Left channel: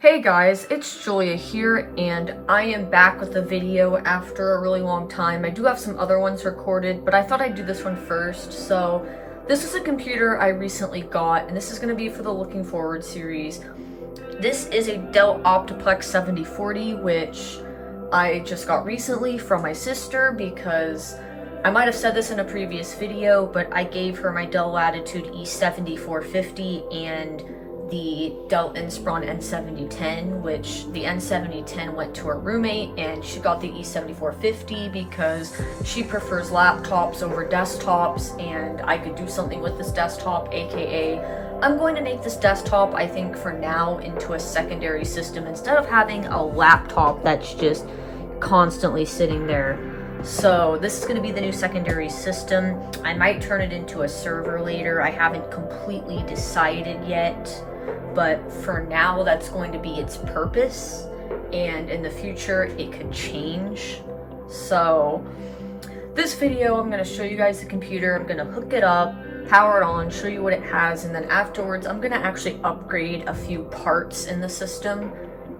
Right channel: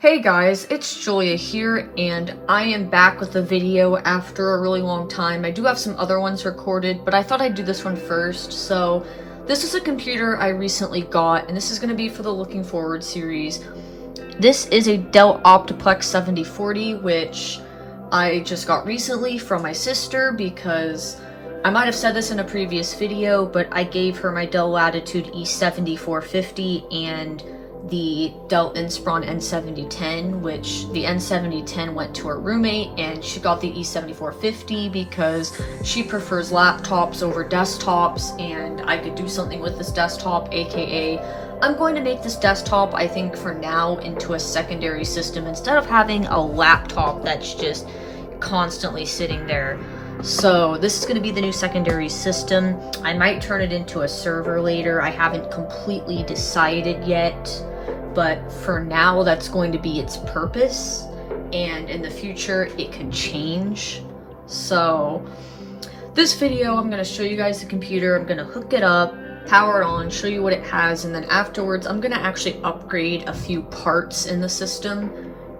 Hey guys, it's Julia here, and I am back with a video after a really long time. I do have some other ones recorded, but I thought I'd do this one first. So, this is a computer I recently got, and this is going to be for the Looking Forward series. This is a Dell OptiPlex 7040, which I just got recently from my sister because I might have said this in a previous video, but I gave her my Dell Latitude E7450 and the Dell Inspiron N7010, which the N7010 went to her roommate, and she got the E7450 because she prefers laptops over desktops, and I could do something with this desktop, aka I'm going to make this desktop, I think for now, into a secondary system instead of having a laptop that's just constantly sitting there. So this is going to be the new secondary system. I might turn it into a server later. I haven't completely decided yet, but for now that's going to be its purpose, and in the future it could change. So this video I'm going to show you guys the computer. I'm going to hook it up, power it on, show you what it has, and then afterwards I'm going to actually upgrade a few parts in the system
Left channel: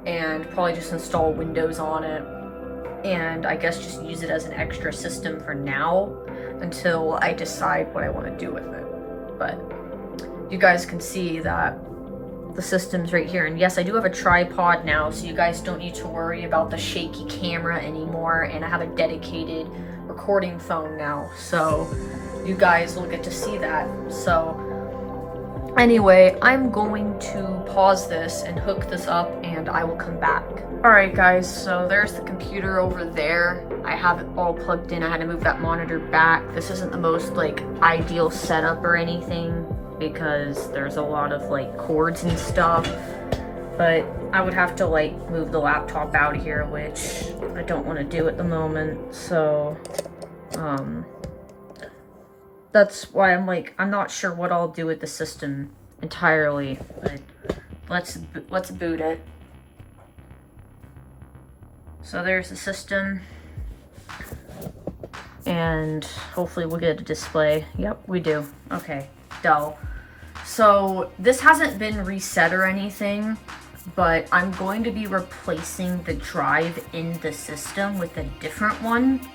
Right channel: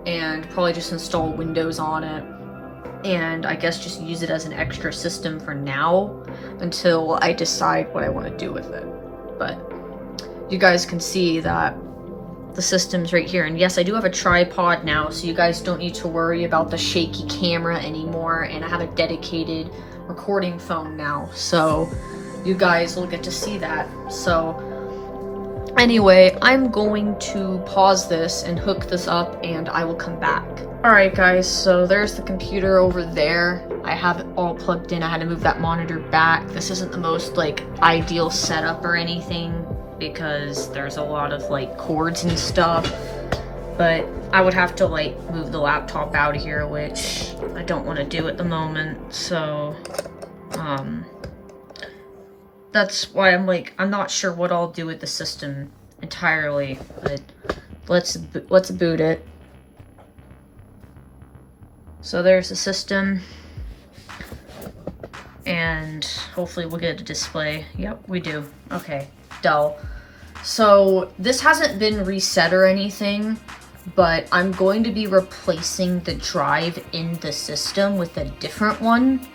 and probably just install Windows on it, and I guess just use it as an extra system for now until I decide what I want to do with it. But you guys can see that the system's right here, and yes, I do have a tripod now, so you guys don't need to worry about the shaky camera anymore, and I have a dedicated recording phone now, so you guys will get to see that. So anyway, I'm going to pause this and hook this up, and I will come back. Alright guys, so there's the computer over there. I have it all plugged in. I had to move that monitor back. This isn't the most ideal setup or anything because there's a lot of cords and stuff, but I would have to move the laptop out of here, which I don't want to do at the moment. So that's why I'm not sure what I'll do with the system entirely, but let's boot it. So there's the system, and hopefully we'll get a display. Yep, we do. Okay, Dell. So this hasn't been reset or anything, but I'm going to be replacing the drive in the system with a different one.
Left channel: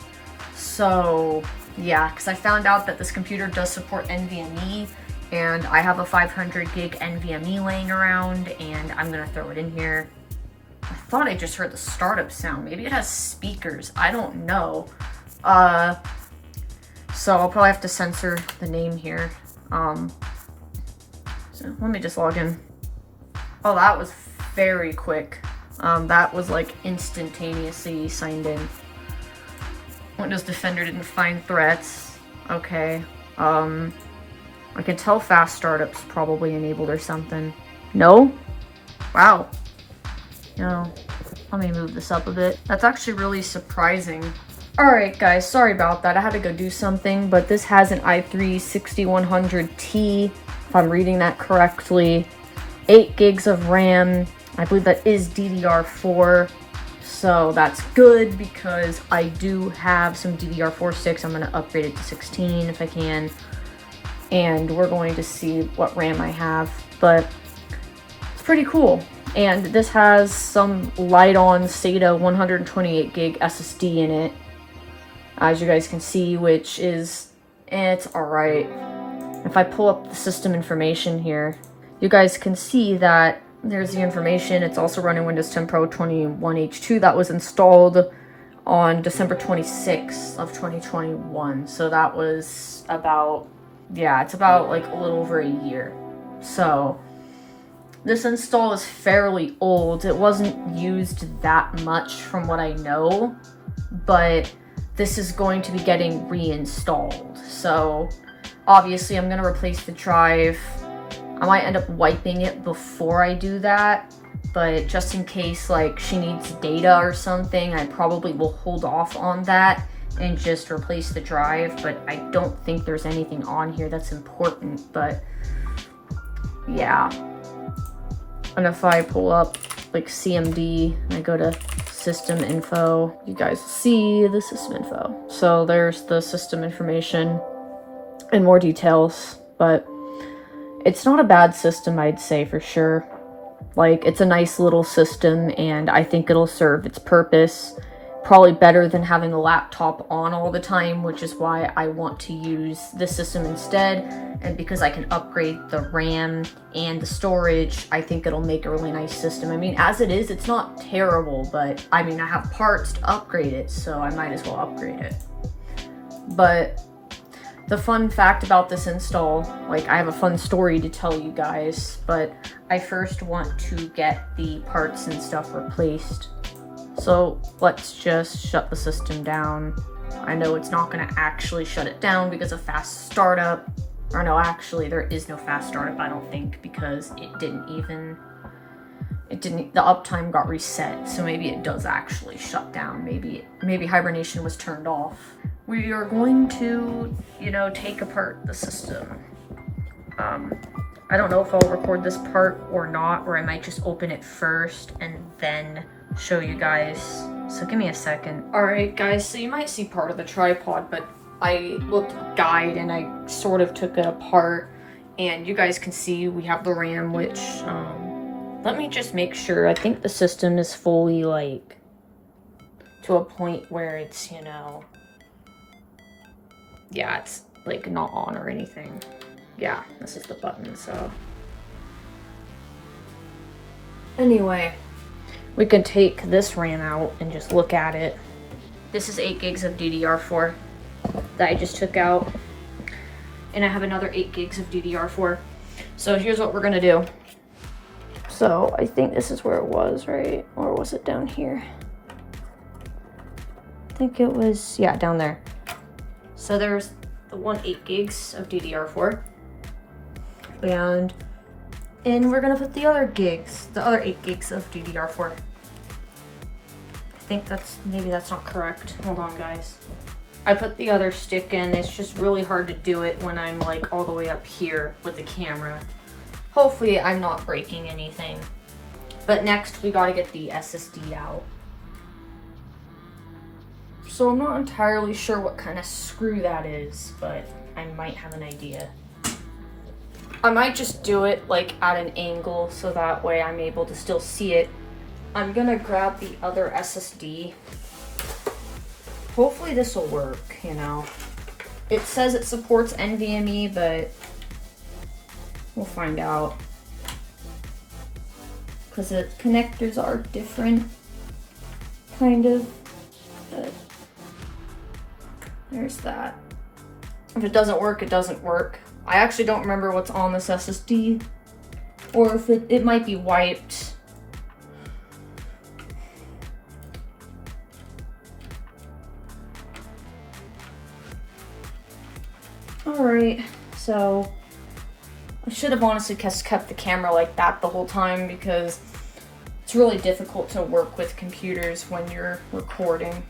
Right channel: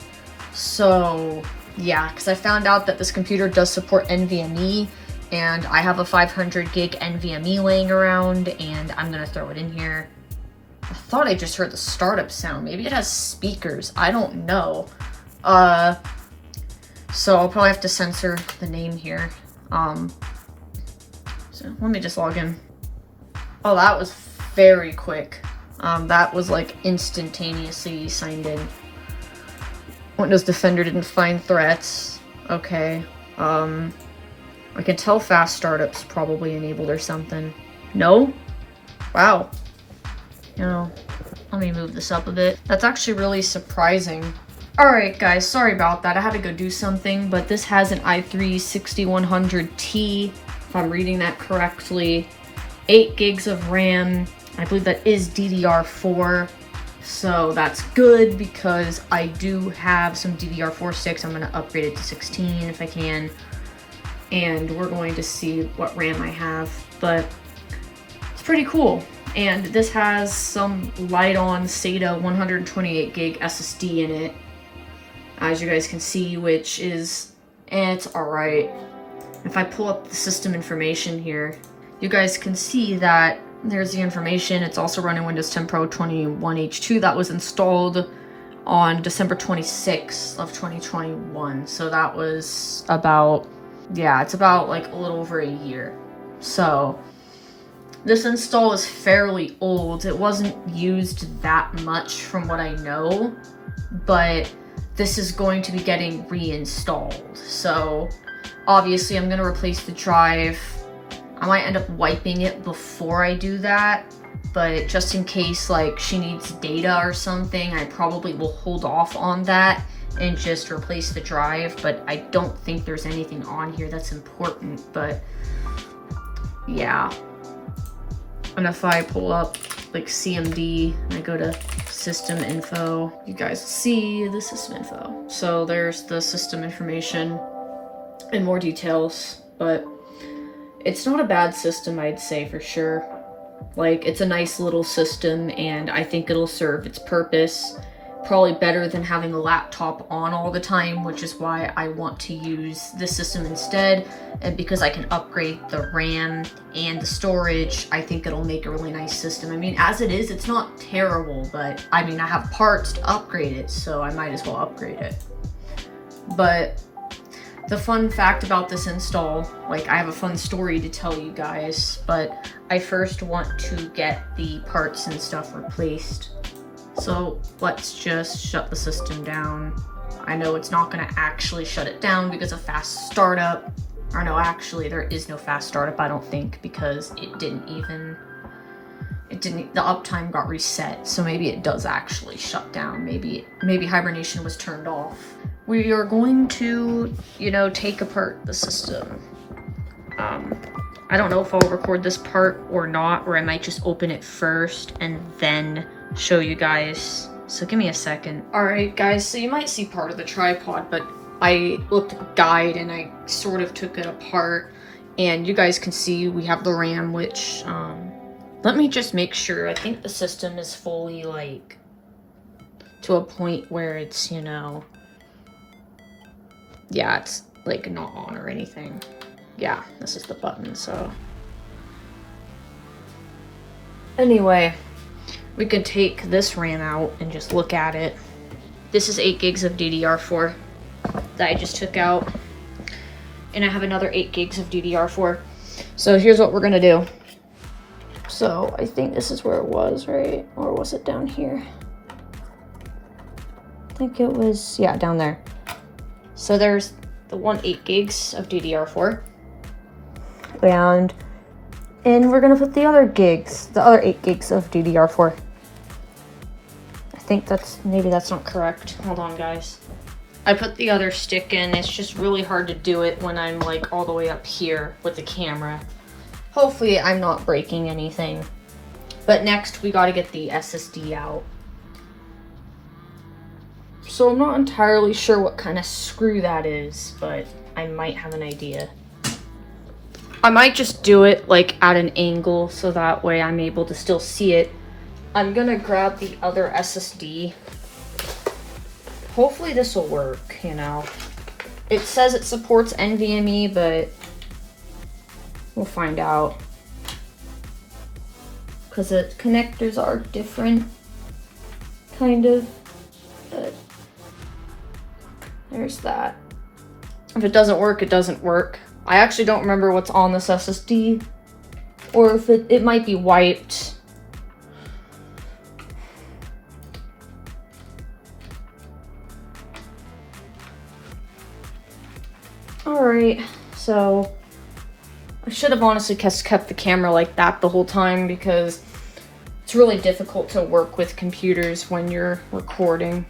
So yeah, because I found out that this computer does support NVMe, and I have a 500 gig NVMe laying around, and I'm gonna throw it in here. I thought I just heard the startup sound. Maybe it has speakers. I don't know. So I'll probably have to censor the name here. So let me just log in. Oh, that was very quick. That was instantaneously signed in. Windows Defender didn't find threats. Okay. I can tell fast startup's probably enabled or something. No? Wow. Let me move this up a bit. That's actually really surprising. Alright guys, sorry about that. I had to go do something, but this has an i3 6100T, if I'm reading that correctly. 8 gigs of RAM. I believe that is DDR4. So that's good because I do have some DDR4 sticks. I'm going to upgrade it to 16 if I can. And we're going to see what RAM I have, but it's pretty cool. And this has some light-on SATA 128 gig SSD in it, as you guys can see, which is, it's alright. If I pull up the system information here, you guys can see that there's the information. It's also running Windows 10 Pro 21H2 that was installed on December 26th of 2021. So that was about, yeah, it's about a little over a year. So this install is fairly old. It wasn't used that much from what I know, but this is going to be getting reinstalled. So obviously I'm going to replace the drive. I might end up wiping it before I do that, but just in case she needs data or something, I probably will hold off on that and just replace the drive. But I don't think there's anything on here that's important, but yeah. And if I pull up CMD and I go to system info, you guys see the system info. So there's the system information and more details, but it's not a bad system, I'd say for sure. Like, it's a nice little system, and I think it'll serve its purpose probably better than having a laptop on all the time, which is why I want to use this system instead. And because I can upgrade the RAM and the storage, I think it'll make a really nice system. I mean, as it is, it's not terrible, but I mean, I have parts to upgrade it, so I might as well upgrade it. But the fun fact about this install, like, I have a fun story to tell you guys, but I first want to get the parts and stuff replaced. So let's just shut the system down. I know it's not going to actually shut it down because of fast startup. Or no, actually there is no fast startup, I don't think, because the uptime got reset. So maybe it does actually shut down. Maybe hibernation was turned off. We are going to, you know, take apart the system. I don't know if I'll record this part or not, or I might just open it first and then show you guys. So give me a second. All right, guys, so you might see part of the tripod, but I looked at the guide and I sort of took it apart, and you guys can see we have the RAM, which, let me just make sure. I think the system is fully, like, to a point where it's, you know, yeah, it's, like, not on or anything. Yeah, this is the button, so. Anyway, we can take this RAM out and just look at it. This is 8 gigs of DDR4 that I just took out. And I have another 8 gigs of DDR4. So here's what we're gonna do. So I think this is where it was, right? Or was it down here? I think it was, yeah, down there. So there's the 8 gigs of DDR4. And we're gonna put the other 8 gigs of DDR4. I think maybe that's not correct. Hold on, guys. I put the other stick in. It's just really hard to do it when I'm, like, all the way up here with the camera. Hopefully I'm not breaking anything. But next we gotta get the SSD out. So I'm not entirely sure what kind of screw that is, but I might have an idea. I might just do it, like, at an angle so that way I'm able to still see it. I'm gonna grab the other SSD. Hopefully this will work, you know. It says it supports NVMe, but we'll find out. Because the connectors are different, kind of. But there's that. If it doesn't work, it doesn't work. I actually don't remember what's on this SSD, or if it might be wiped. Alright, so I should have honestly kept the camera like that the whole time, because it's really difficult to work with computers when you're recording.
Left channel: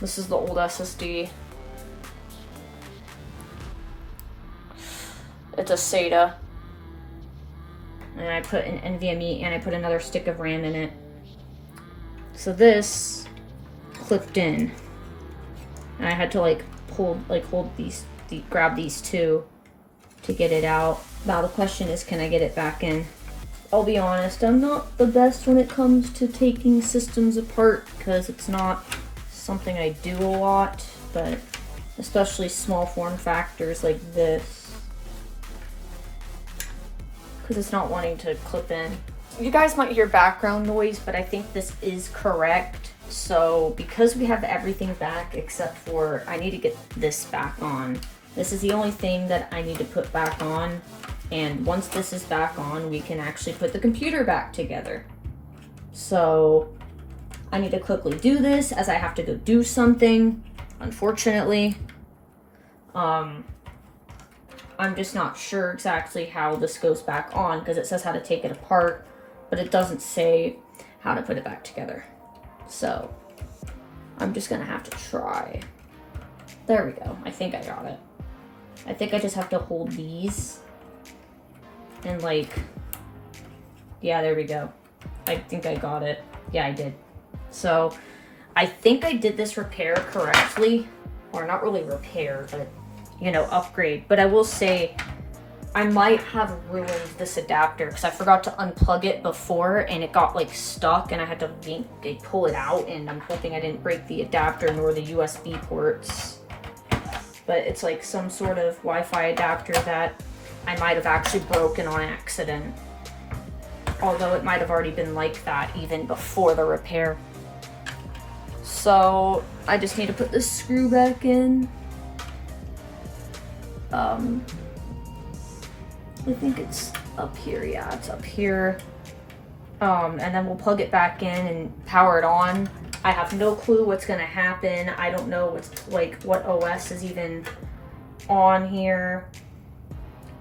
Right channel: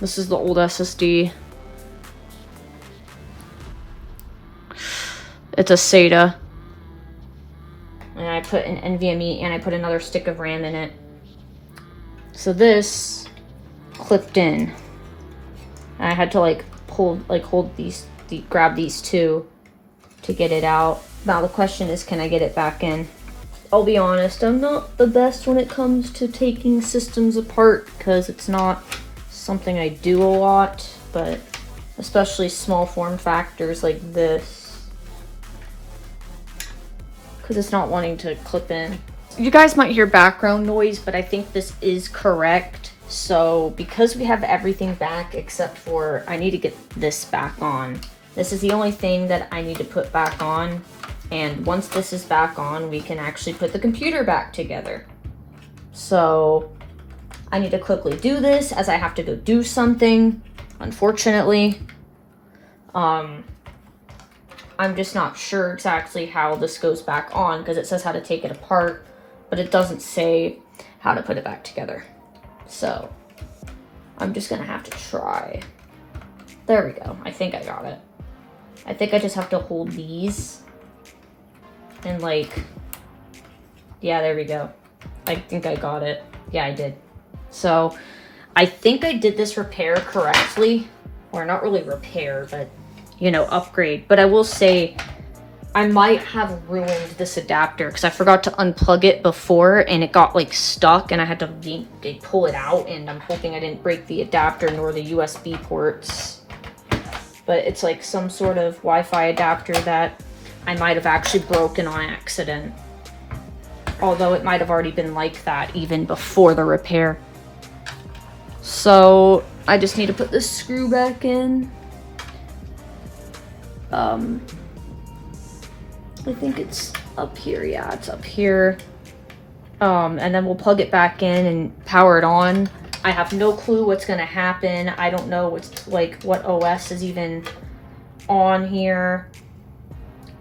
This is the old SSD. It's a SATA. And I put an NVMe and I put another stick of RAM in it. So this clipped in. And I had to grab these two to get it out. Now the question is, can I get it back in? I'll be honest, I'm not the best when it comes to taking systems apart, because it's not something I do a lot, but especially small form factors like this. Because it's not wanting to clip in. You guys might hear background noise, but I think this is correct. So because we have everything back except for, I need to get this back on. This is the only thing that I need to put back on. And once this is back on, we can actually put the computer back together. So I need to quickly do this as I have to go do something, unfortunately. I'm just not sure exactly how this goes back on, because it says how to take it apart, but it doesn't say how to put it back together. So I'm just gonna have to try. There we go. I think I got it. I think I just have to hold these and, like, yeah, there we go. I think I got it. Yeah, I did. So I think I did this repair correctly, or not really repair, but, you know, upgrade. But I will say I might have ruined this adapter because I forgot to unplug it before and it got like stuck and I had to pull it out, and I'm hoping I didn't break the adapter nor the USB ports. But it's like some sort of Wi-Fi adapter that I might have actually broken on accident. Although it might have already been like that even before the repair. So I just need to put this screw back in. I think it's up here. Yeah, it's up here. And then we'll plug it back in and power it on. I have no clue what's gonna happen. I don't know what's like what OS is even on here.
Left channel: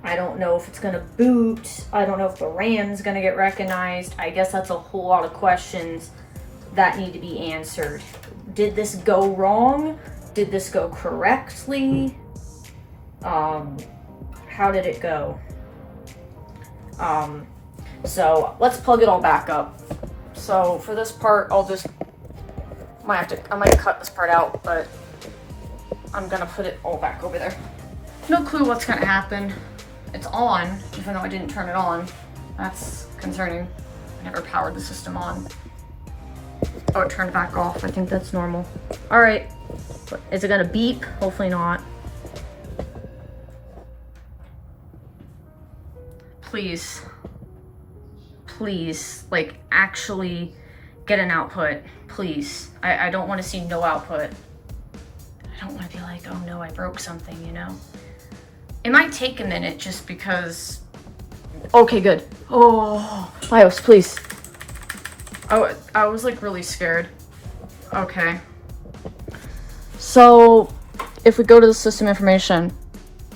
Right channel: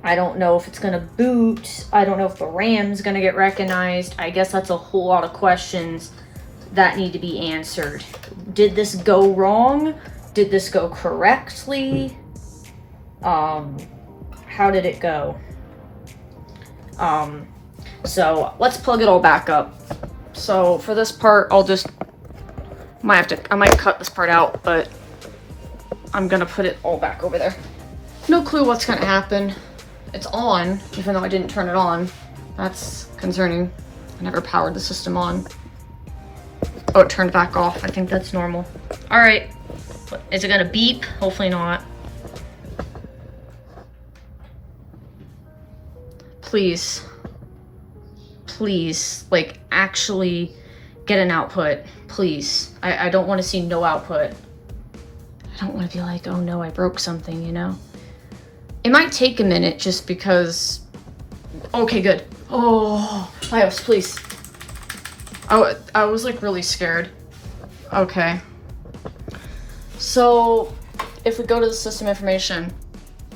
I don't know if it's gonna boot. I don't know if the RAM's gonna get recognized. I guess that's a whole lot of questions that need to be answered. Did this go wrong? Did this go correctly? How did it go? So let's plug it all back up. So for this part, I might cut this part out, but I'm gonna put it all back over there. No clue what's gonna happen. It's on, even though I didn't turn it on. That's concerning. I never powered the system on. Oh, it turned back off. I think that's normal. All right, is it gonna beep? Hopefully not. Please, like actually get an output, please. I don't want to see no output. I don't want to be like, oh no, I broke something, you know? It might take a minute just because, okay, good. Oh, BIOS, please. I was like really scared. Okay. So if we go to the system information,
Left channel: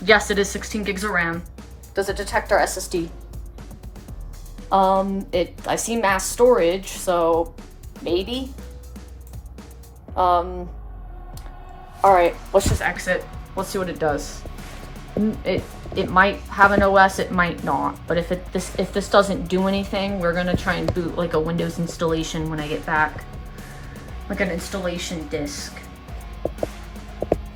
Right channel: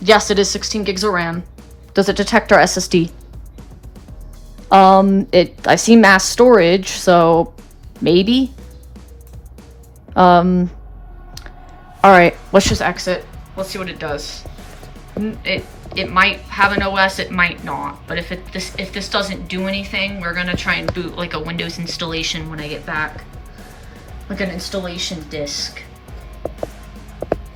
yes, it is 16 gigs of RAM. Does it detect our SSD? I see mass storage, so maybe. All right, let's just exit. Let's see what it does. It might have an OS, it might not. But if this doesn't do anything, we're gonna try and boot like a Windows installation when I get back, like an installation disk.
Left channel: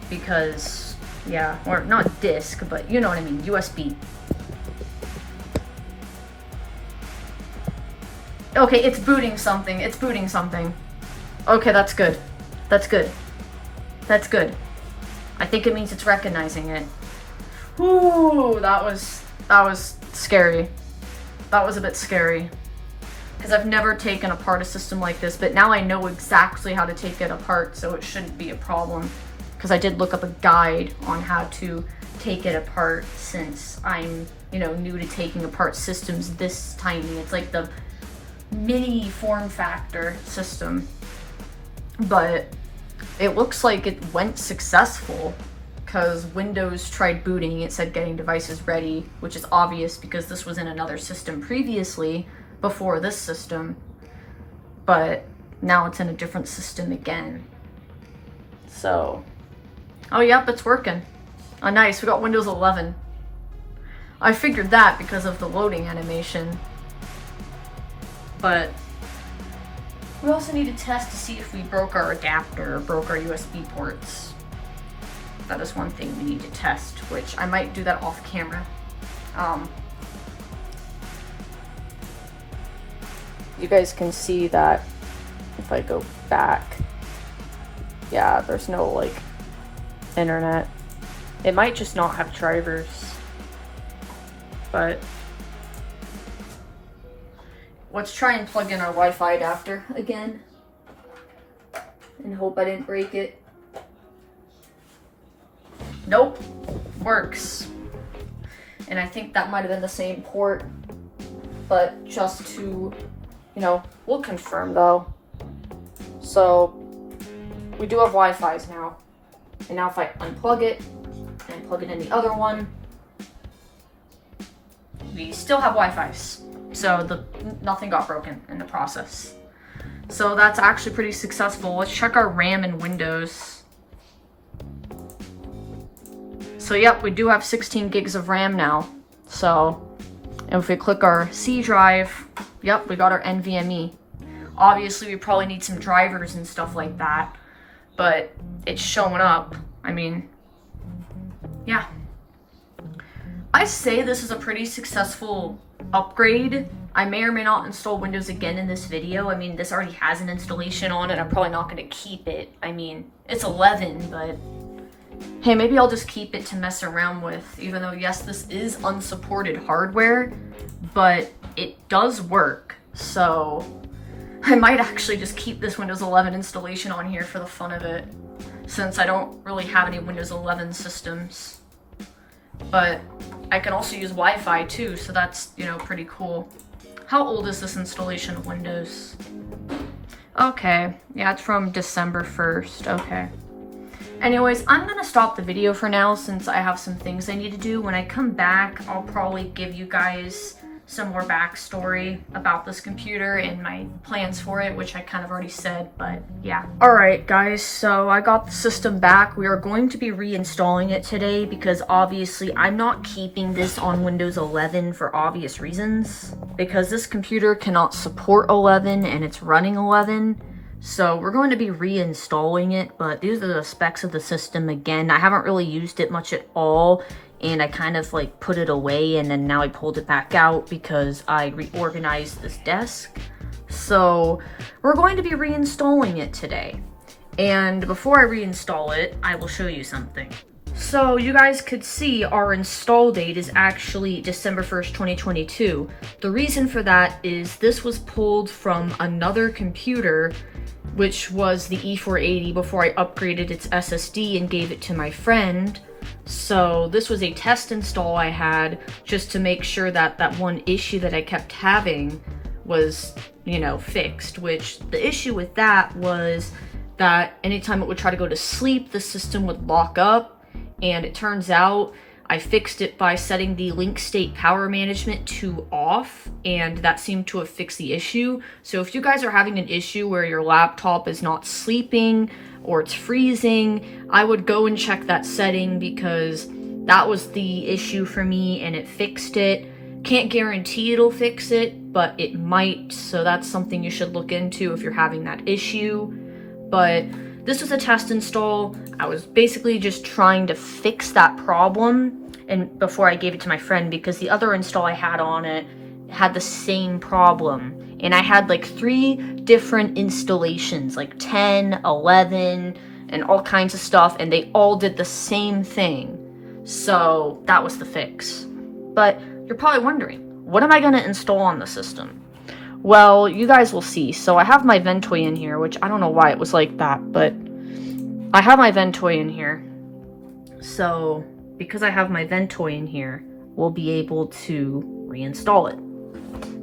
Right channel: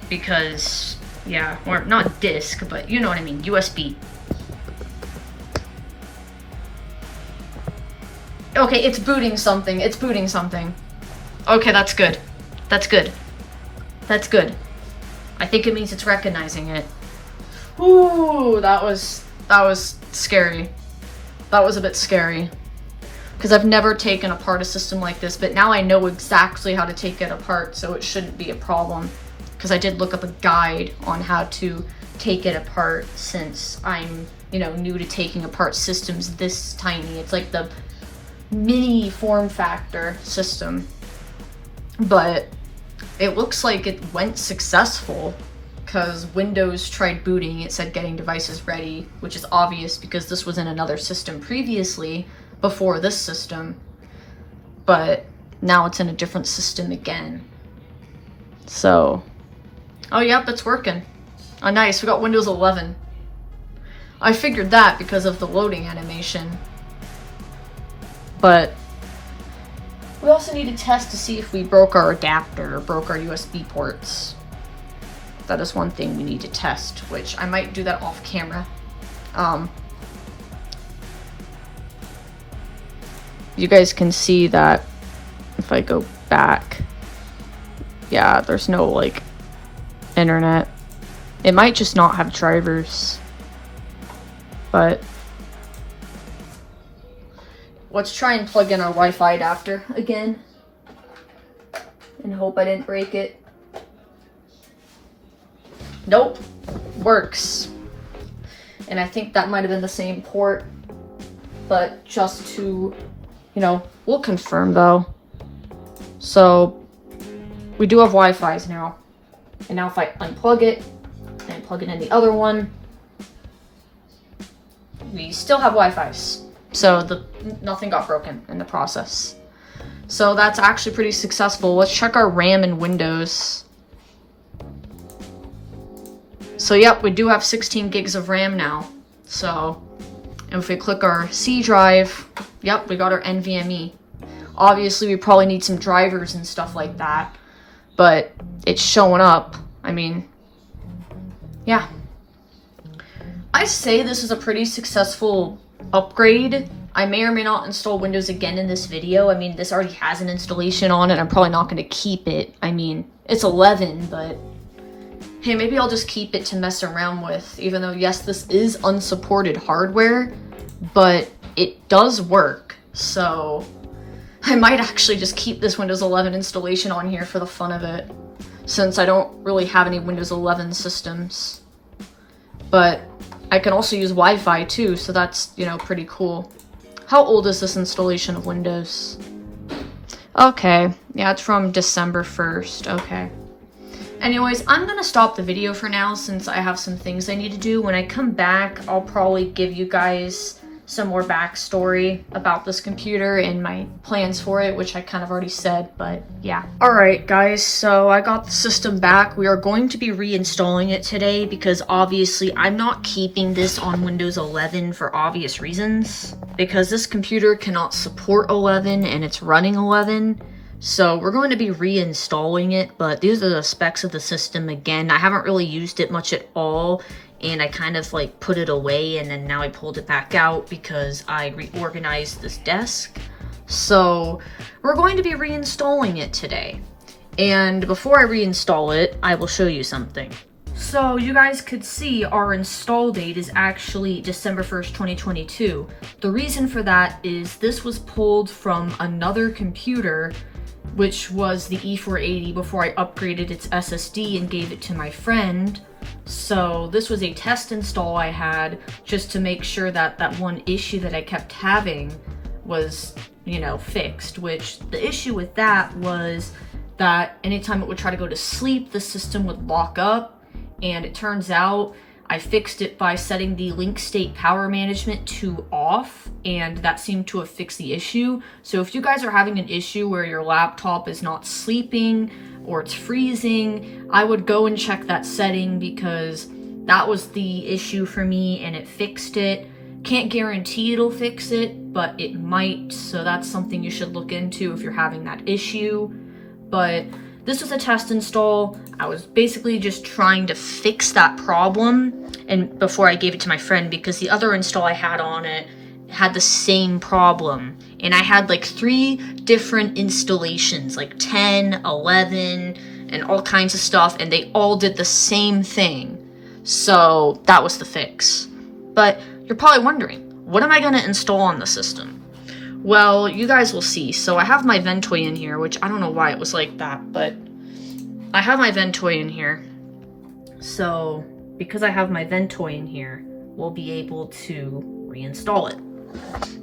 Because yeah, or not disk, but you know what I mean, USB. Okay, it's booting something. It's booting something. Okay, that's good. That's good. That's good. I think it means it's recognizing it. Ooh, that was scary. That was a bit scary. Because I've never taken apart a system like this, but now I know exactly how to take it apart, so it shouldn't be a problem. Because I did look up a guide on how to take it apart since I'm, you know, new to taking apart systems this tiny. It's like the mini form factor system, but it looks like it went successful because Windows tried booting. It said getting devices ready, which is obvious because this was in another system previously before this system, but now it's in a different system again. So, oh yep, it's working. Oh nice, we got Windows 11. I figured that because of the loading animation. But we also need to test to see if we broke our adapter or broke our USB ports. That is one thing we need to test, which I might do that off camera. You guys can see that if I go back, yeah, there's no like internet. It might just not have drivers, but let's try and plug in our Wi-Fi adapter again and hope I didn't break it. Nope, works. And I think that might have been the same port, but just to, you know, we'll confirm though. So we do have Wi-Fi's now. And now if I unplug it and plug it in the other one, we still have Wi-Fi's. So nothing got broken in the process. So that's actually pretty successful. Let's check our RAM and Windows. So yep, we do have 16 gigs of RAM now. So if we click our C drive, yep, we got our NVMe. Obviously we probably need some drivers and stuff like that, but it's showing up. I mean, yeah. I say this is a pretty successful upgrade. I may or may not install Windows again in this video. I mean, this already has an installation on it. I'm probably not going to keep it. I mean, it's 11, but hey, maybe I'll just keep it to mess around with, even though, yes, this is unsupported hardware, but it does work. So I might actually just keep this Windows 11 installation on here for the fun of it, since I don't really have any Windows 11 systems. But I can also use Wi-Fi too, so that's, you know, pretty cool. How old is this installation of Windows? Okay, yeah, it's from December 1st, okay. Anyways, I'm gonna stop the video for now since I have some things I need to do. When I come back, I'll probably give you guys some more backstory about this computer and my plans for it, which I kind of already said, but yeah. Alright guys, so I got the system back. We are going to be reinstalling it today because obviously I'm not keeping this on Windows 11 for obvious reasons. Because this computer cannot support 11 and it's running 11. So we're going to be reinstalling it, but these are the specs of the system again. I haven't really used it much at all, and I kind of like put it away and then now I pulled it back out because I reorganized this desk. So we're going to be reinstalling it today. And before I reinstall it, I will show you something. So you guys could see our install date is actually December 1st, 2022. The reason for that is this was pulled from another computer, which was the E480 before I upgraded its SSD and gave it to my friend. So this was a test install I had just to make sure that that one issue that I kept having was, you know, fixed, which the issue with that was that anytime it would try to go to sleep, the system would lock up, and it turns out I fixed it by setting the link state power management to off, and that seemed to have fixed the issue. So if you guys are having an issue where your laptop is not sleeping or it's freezing, I would go and check that setting because that was the issue for me and it fixed it. Can't guarantee it'll fix it, but it might, so that's something you should look into if you're having that issue. But this was a test install. I was basically just trying to fix that problem and before I gave it to my friend, because the other install I had on it had the same problem. And I had like 3 different installations, like 10, 11, and all kinds of stuff, and they all did the same thing. So that was the fix. But you're probably wondering, what am I going to install on the system? Well, you guys will see. So I have my Ventoy in here, which I don't know why it was like that, but I have my Ventoy in here. So because I have my Ventoy in here, we'll be able to reinstall it.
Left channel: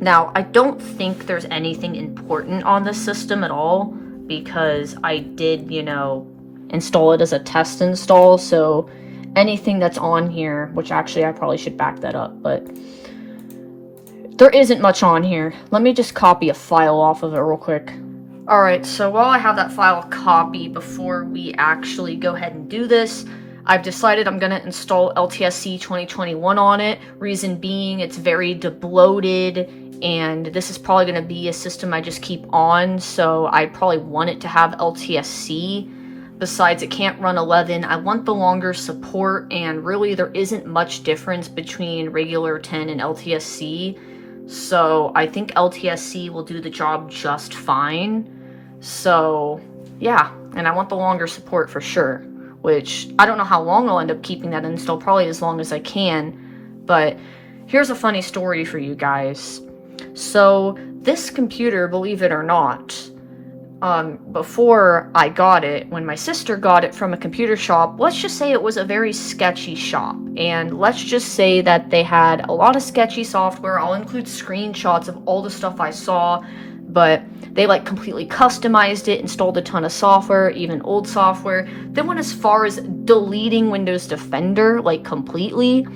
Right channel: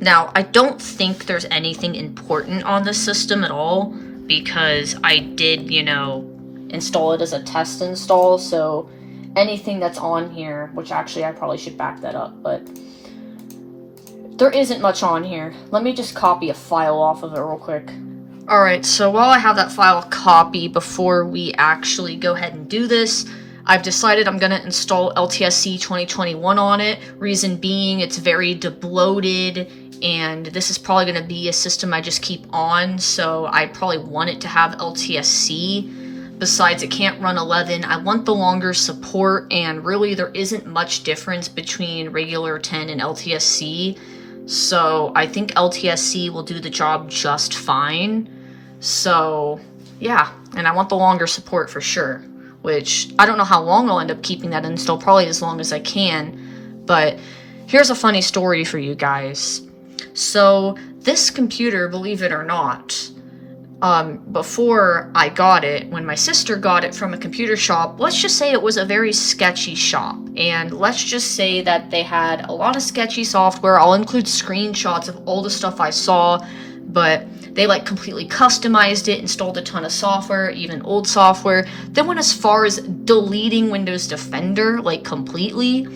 Now, I don't think there's anything important on this system at all because I did, you know, install it as a test install. So anything that's on here, which actually I probably should back that up, but there isn't much on here. Let me just copy a file off of it real quick. Alright, so while I have that file copy, before we actually go ahead and do this, I've decided I'm going to install LTSC 2021 on it. Reason being, it's very debloated, and this is probably going to be a system I just keep on, so I probably want it to have LTSC. Besides, it can't run 11. I want the longer support, and really there isn't much difference between regular 10 and LTSC. So I think LTSC will do the job just fine. So yeah, and I want the longer support for sure, which I don't know how long I'll end up keeping that install, probably as long as I can. But here's a funny story for you guys. So this computer, believe it or not, before I got it, when my sister got it from a computer shop, let's just say it was a very sketchy shop. And let's just say that they had a lot of sketchy software. I'll include screenshots of all the stuff I saw, but they like completely customized it, installed a ton of software, even old software. They went as far as deleting Windows Defender, like completely,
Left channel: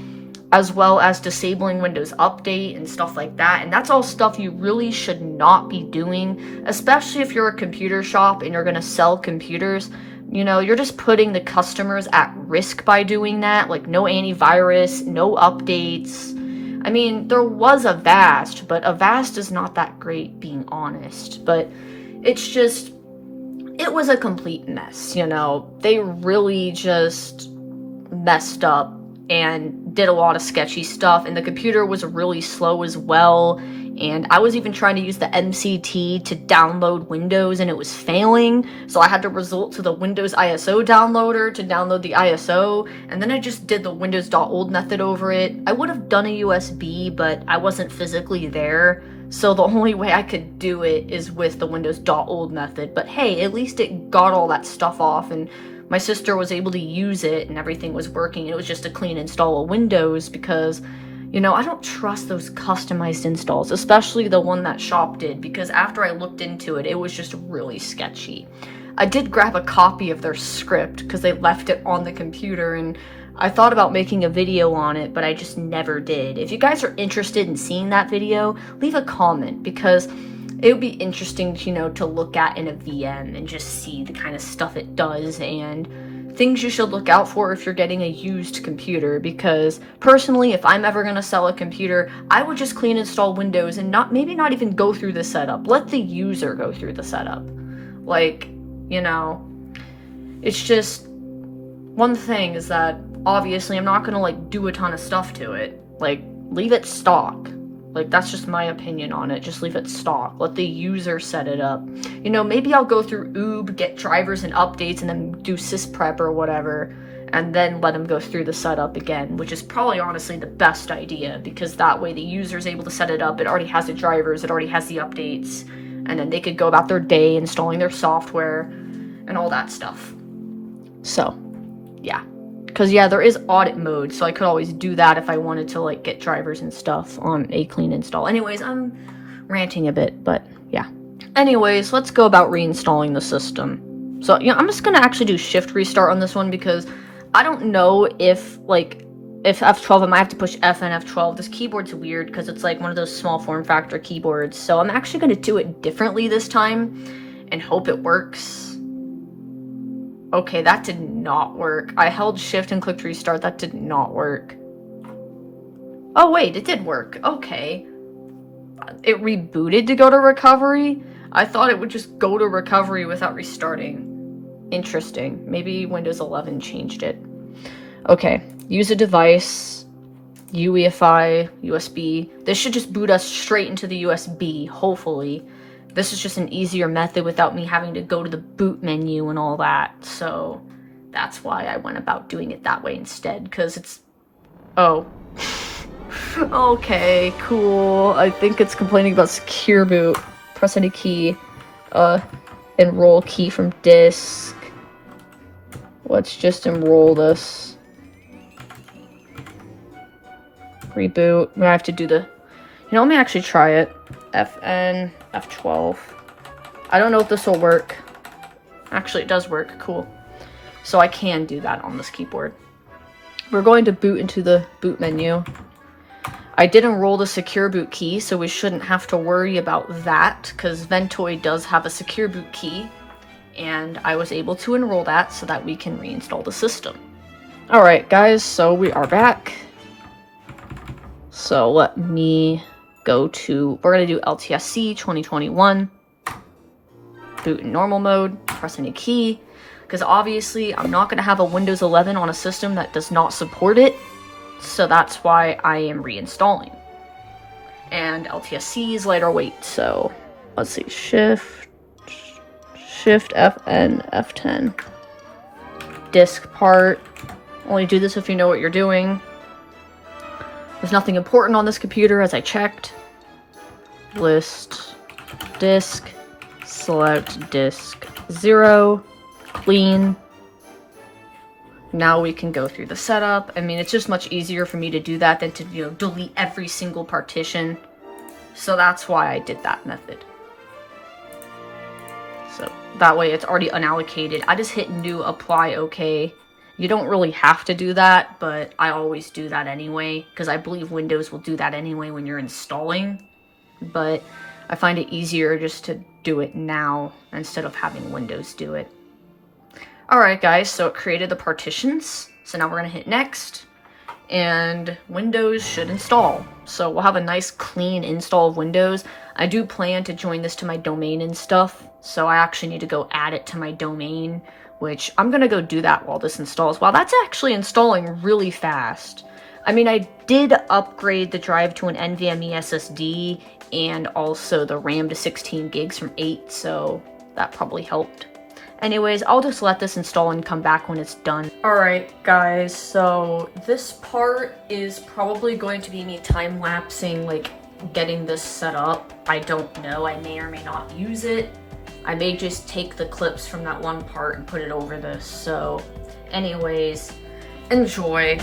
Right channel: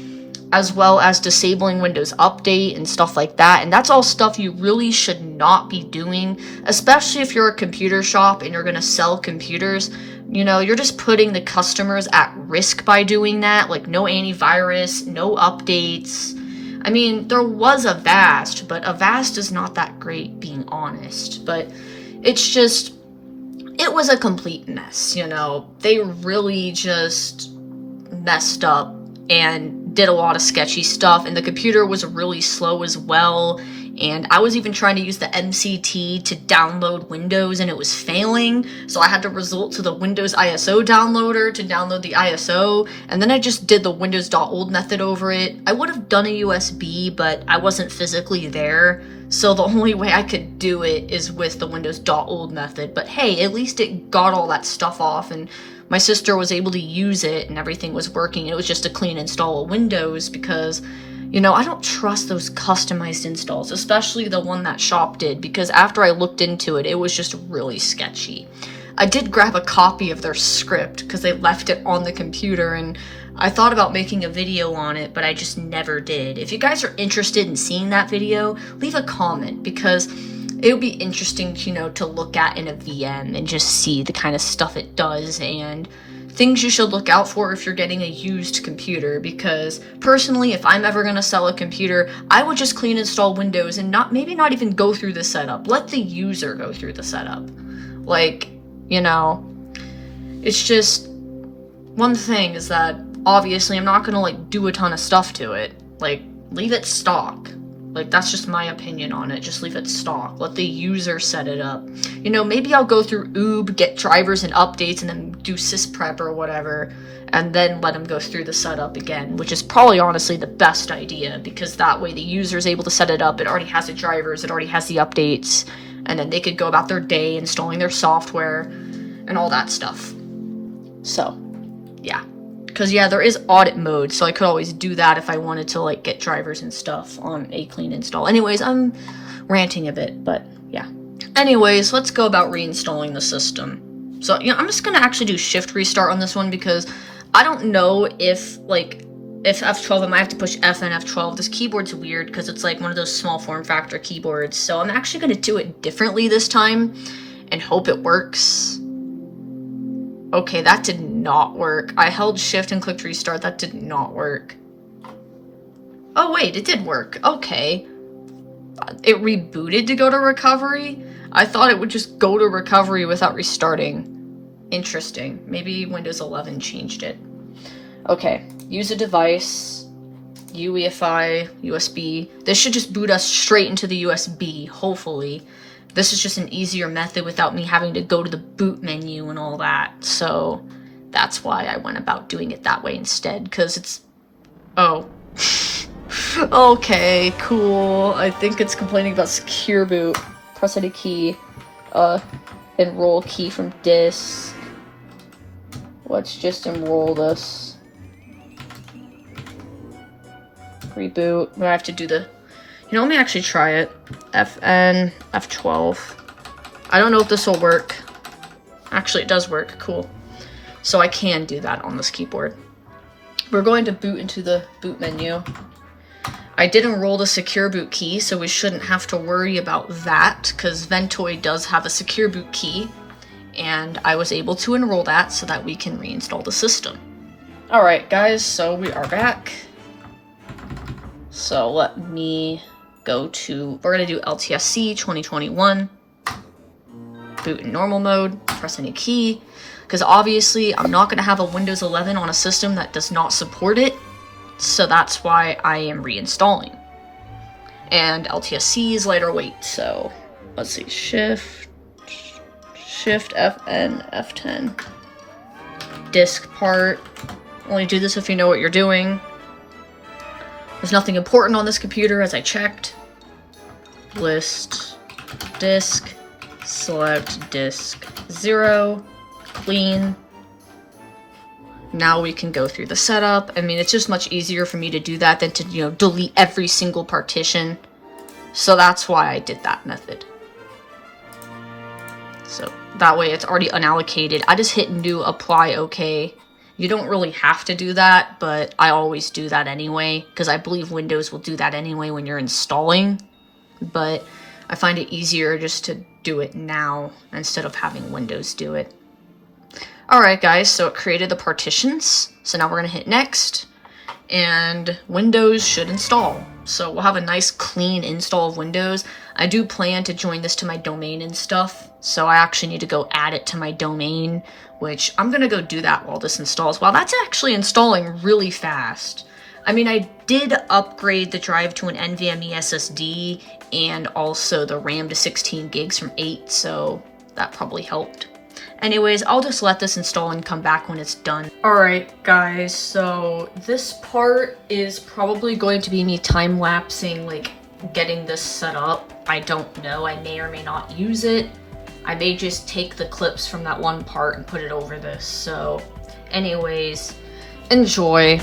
as well as disabling Windows Update and stuff like that. And that's all stuff you really should not be doing, especially if you're a computer shop and you're going to sell computers. You know, you're just putting the customers at risk by doing that. Like no antivirus, no updates. I mean, there was Avast, but Avast is not that great, being honest. But it's just, it was a complete mess, you know. They really just messed up and did a lot of sketchy stuff, and the computer was really slow as well, and I was even trying to use the MCT to download Windows and it was failing, so I had to resort to the Windows ISO downloader to download the ISO, and then I just did the Windows.old method over it. I would have done a USB, but I wasn't physically there, so the only way I could do it is with the Windows.old method. But hey, at least it got all that stuff off, and my sister was able to use it and everything was working. It was just a clean install of Windows because, you know, I don't trust those customized installs, especially the one that Shop did, because after I looked into it, it was just really sketchy. I did grab a copy of their script because they left it on the computer, and I thought about making a video on it, but I just never did. If you guys are interested in seeing that video, leave a comment, because it would be interesting, you know, to look at in a VM and just see the kind of stuff it does and things you should look out for if you're getting a used computer. Because personally, if I'm ever going to sell a computer, I would just clean install Windows and maybe not even go through the setup. Let the user go through the setup. Like, you know, it's just one thing is that obviously I'm not going to like do a ton of stuff to it. Like, leave it stock. Like, that's just my opinion on it. Just leave it stock. Let the user set it up. You know, maybe I'll go through oob, get drivers and updates, and then do sysprep or whatever, and then let them go through the setup again, which is probably honestly the best idea, because that way the user's able to set it up. It already has the drivers, it already has the updates, and then they could go about their day installing their software and all that stuff. So, yeah. Because, yeah, there is audit mode, so I could always do that if I wanted to, like, get drivers and stuff on a clean install. Anyways, I'm ranting a bit, but, yeah. Anyways, let's go about reinstalling the system. So, you know, I'm just going to actually do shift restart on this one, because I don't know if, like, if F12, I might have to push F and F12. This keyboard's weird, because it's, like, one of those small form factor keyboards, so I'm actually going to do it differently this time, and hope it works. Okay, that did not work. I held shift and clicked restart. That did not work. Oh, wait, it did work. Okay. It rebooted to go to recovery? I thought it would just go to recovery without restarting. Interesting. Maybe Windows 11 changed it. Okay, use a device, UEFI, USB. This should just boot us straight into the USB, hopefully. This is just an easier method without me having to go to the boot menu and all that, so that's why I went about doing it that way instead, because it's... Oh. Okay, cool. I think it's complaining about secure boot. Press any key. Enroll key from disk. Let's just enroll this. Reboot. I'm gonna have to do the... You know, let me actually try it. FN, F12. I don't know if this will work. Actually, it does work. Cool. So I can do that on this keyboard. We're going to boot into the boot menu. I did enroll the secure boot key, so we shouldn't have to worry about that, because Ventoy does have a secure boot key, and I was able to enroll that so that we can reinstall the system. Alright, guys, so we are back. So let me go to, we're going to do LTSC 2021, boot in normal mode, press any key, because obviously I'm not going to have a Windows 11 on a system that does not support it, so that's why I am reinstalling. And LTSC is lighter weight, so let's see, Shift FN, F10, disk part, only do this if you know what you're doing. There's nothing important on this computer, as I checked. List, disk, select disk 0, clean. Now we can go through the setup. I mean, it's just much easier for me to do that than to, you know, delete every single partition. So that's why I did that method. So that way it's already unallocated. I just hit new, apply, OK. You don't really have to do that, but I always do that anyway, because I believe Windows will do that anyway when you're installing. But I find it easier just to do it now instead of having Windows do it. Alright guys, so it created the partitions. So now we're going to hit next, and Windows should install. So we'll have a nice clean install of Windows. I do plan to join this to my domain and stuff, so I actually need to go add it to my domain, which I'm going to go do that while this installs. Wow, that's actually installing really fast. I mean, I did upgrade the drive to an NVMe SSD and also the RAM to 16 gigs from 8, so that probably helped. Anyways, I'll just let this install and come back when it's done. Alright guys, so this part is probably going to be me time-lapsing, like, getting this set up. I don't know, I may or may not use it. I may just take the clips from that one part and put it over this, so anyways, enjoy.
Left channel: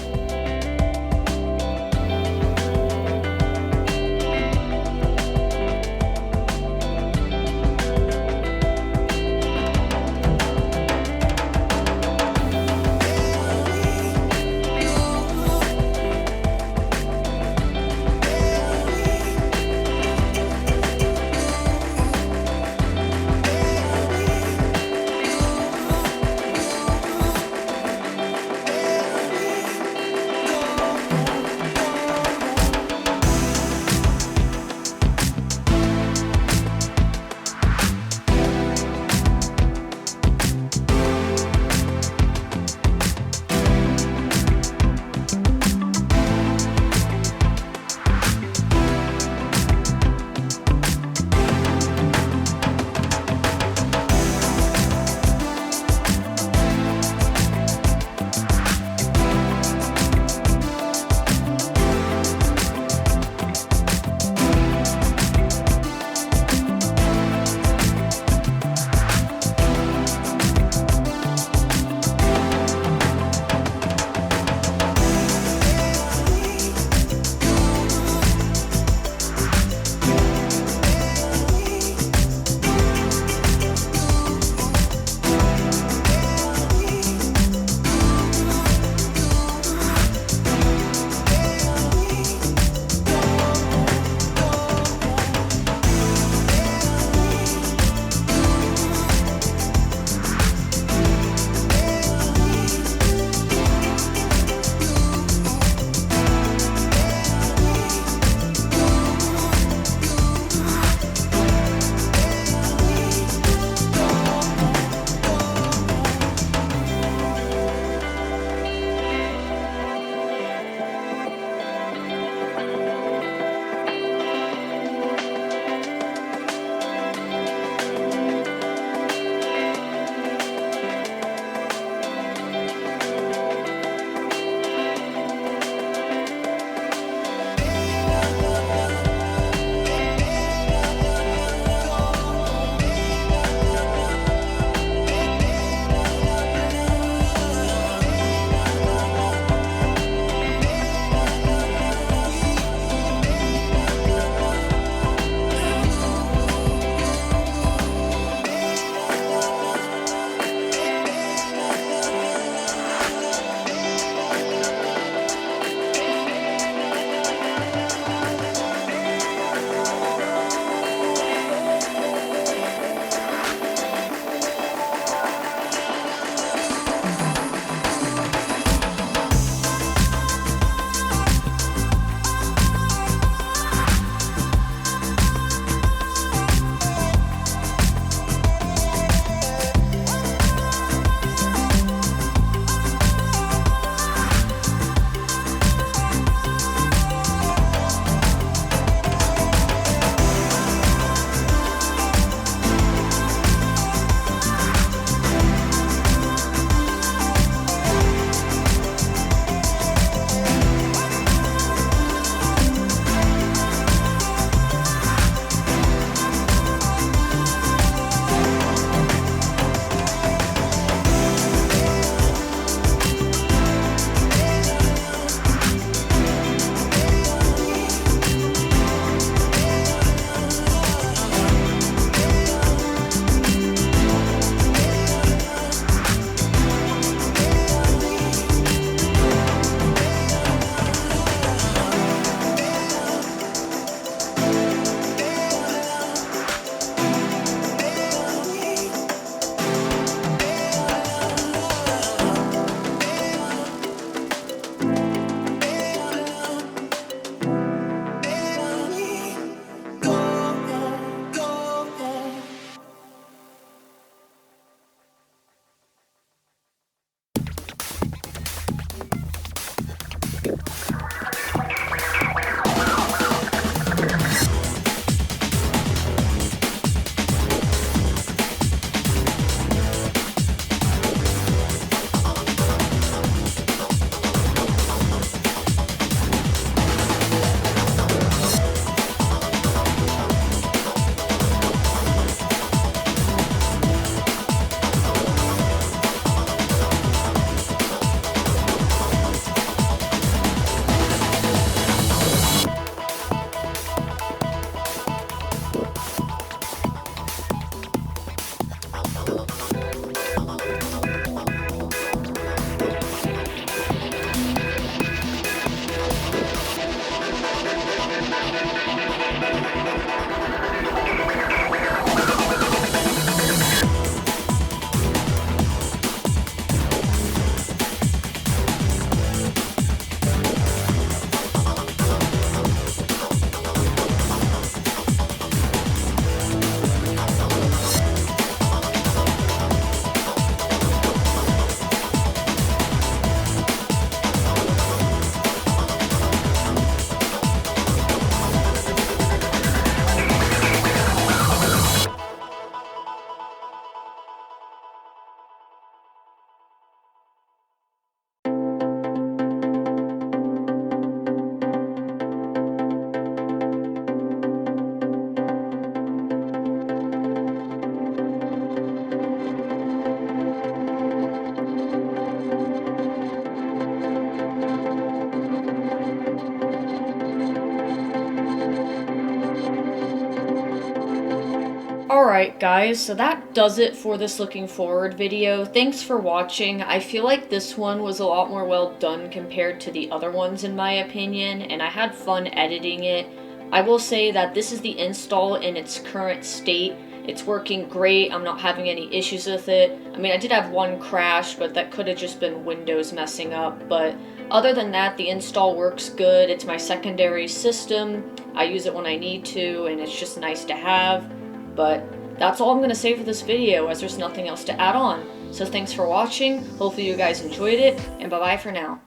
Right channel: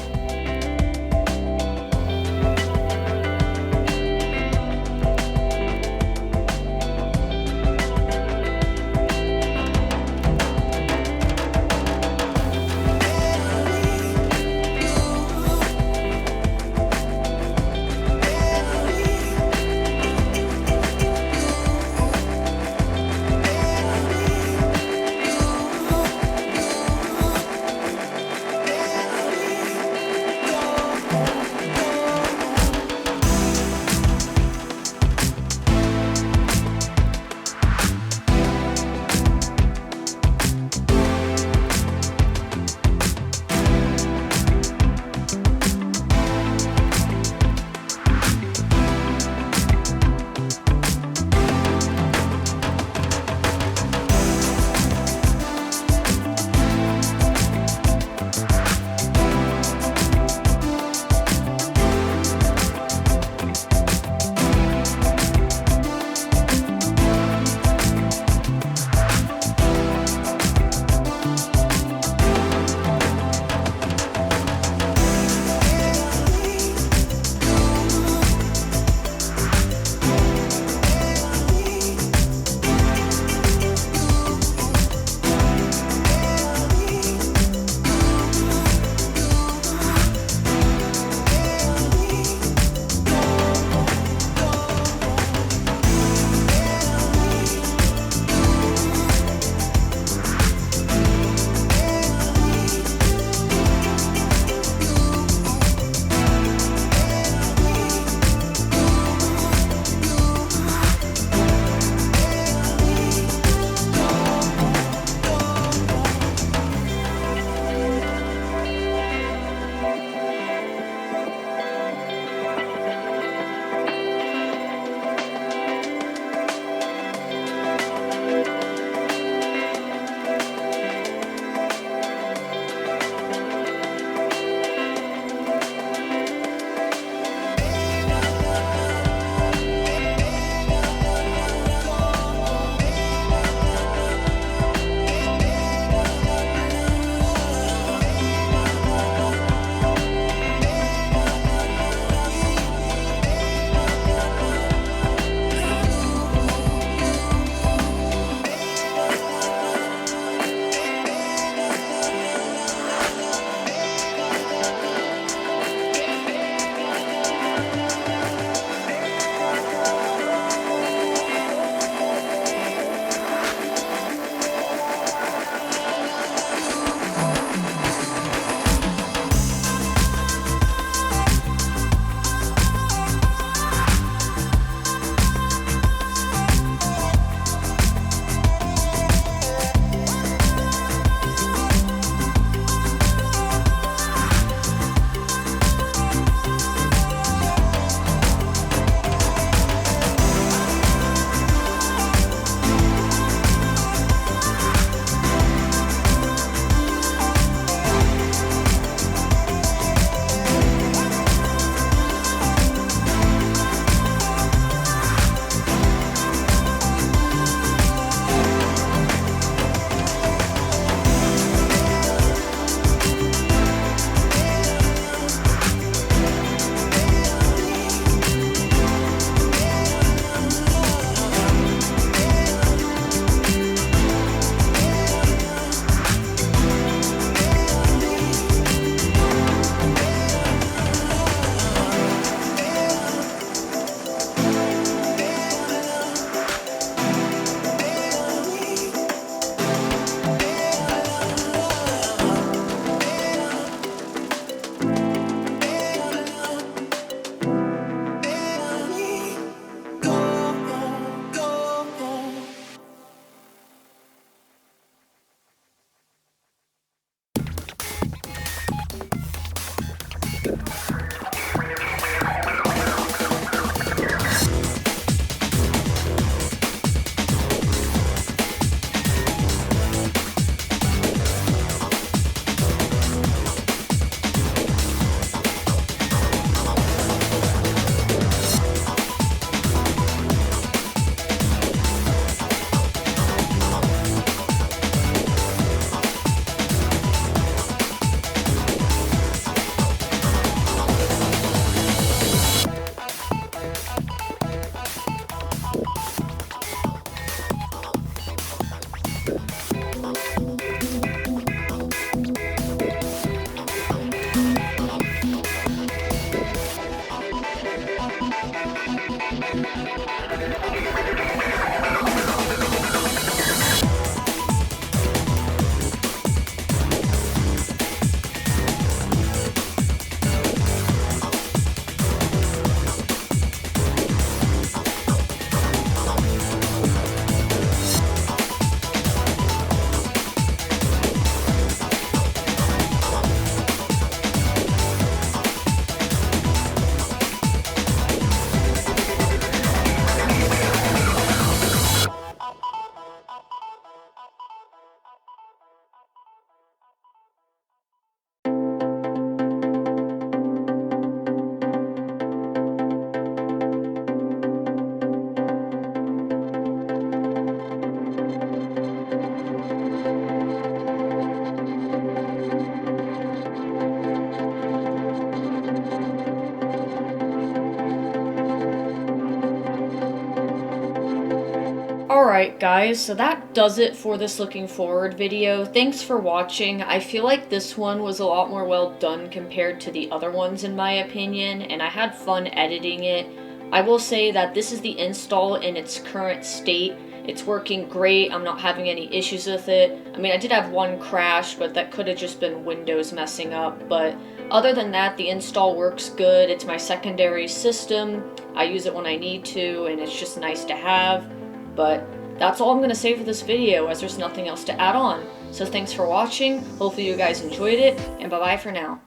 Alright guys, so that does it for this looking forward video. Thanks for watching. I feel like this one was a lot more well done compared to the other ones in my opinion, and I had fun editing it. I will say that this is the install in its current state. It's working great, I'm not having any issues with it. I mean, I did have one crash, but that could have just been Windows messing up. But other than that, the install works good. It's my secondary system. I use it when I need to, and it's just nice to have. But that's all I'm going to say for this video, as there's nothing else to add on. So thanks for watching, hopefully you guys enjoyed it, and bye-bye for now.